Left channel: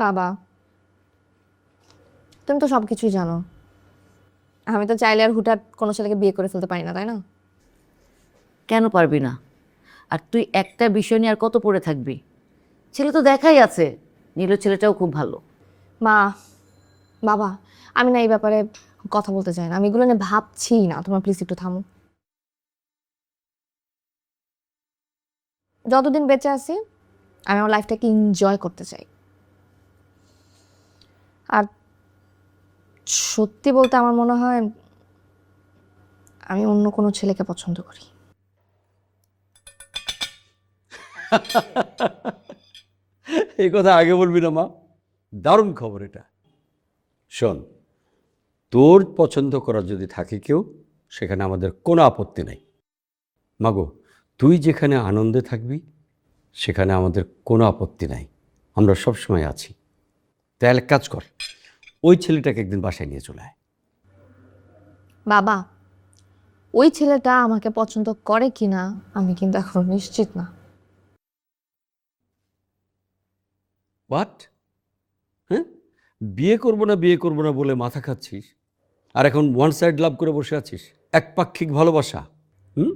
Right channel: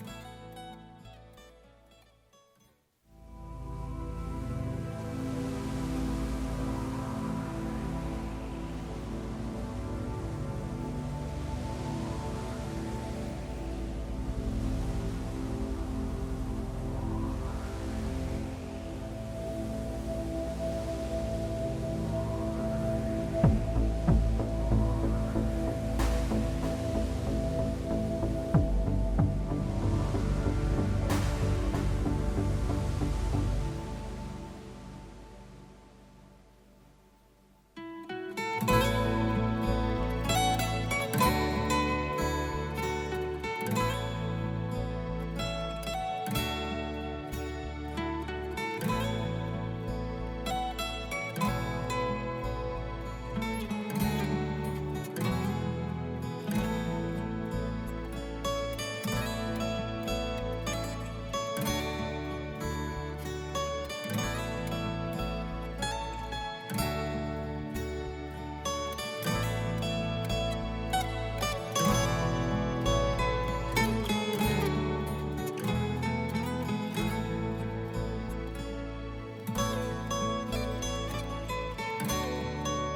বাবা, তুমি তো সবকিছুই জানো। আমি তো চাইলে আর হুটহাট কোনো ছেলেকে বিয়ে করে ফেলতে পারি না, তাই না? কেন পারবি না? আর তুই একটা বিষয় নিয়ে আর কত পড়ে থাকবি? ছেলে তো দেখাই আছে, নীলু ছেলেটাও খুব ভালো। মা, বাবা, আমি না এই ব্যাপারে কথা বলতে চাই না। আমি এগুলো নিয়ে ভাবছি না। তোমরা প্লিজ একটু থামো। যতদিন বেঁচে আছি আমি আমার লাইফটাকে এনজয় করতে চাই। আর সত্যি বলতে আমার মনে হয় আমি অন্য কোনো ছেলেকে পছন্দ করি। এই কথা আগে বলবি না মা, দারুণ খবর এটা। শোন, তোর পছন্দ করা যদি থাকে কেউ, সেখানে আমাদের কোনো আপত্তি নেই। মাগো, তুই যেখানে আনন্দে থাকবি সেখানে আমাদের কোনো আপত্তি নাই, আমরা সব সময় আছি। তাহলে এক কাজ কর, ওই ছেলেটাকে একদিন বাসায় নিয়ে চলে আয়। বাবা, ওই ছেলেটা আমাকে পছন্দ করে কিনা আমি কিন্তু এখনো নিশ্চিত না। বাট হ্যাঁ, বিয়ে করবো না বিয়ে করবো না বলে মাথা খাচ্ছিস, আর এখন ওয়ান সাইড লাভ করে বসে আছিস, একপাক্ষিক ভালোবাসা। হুম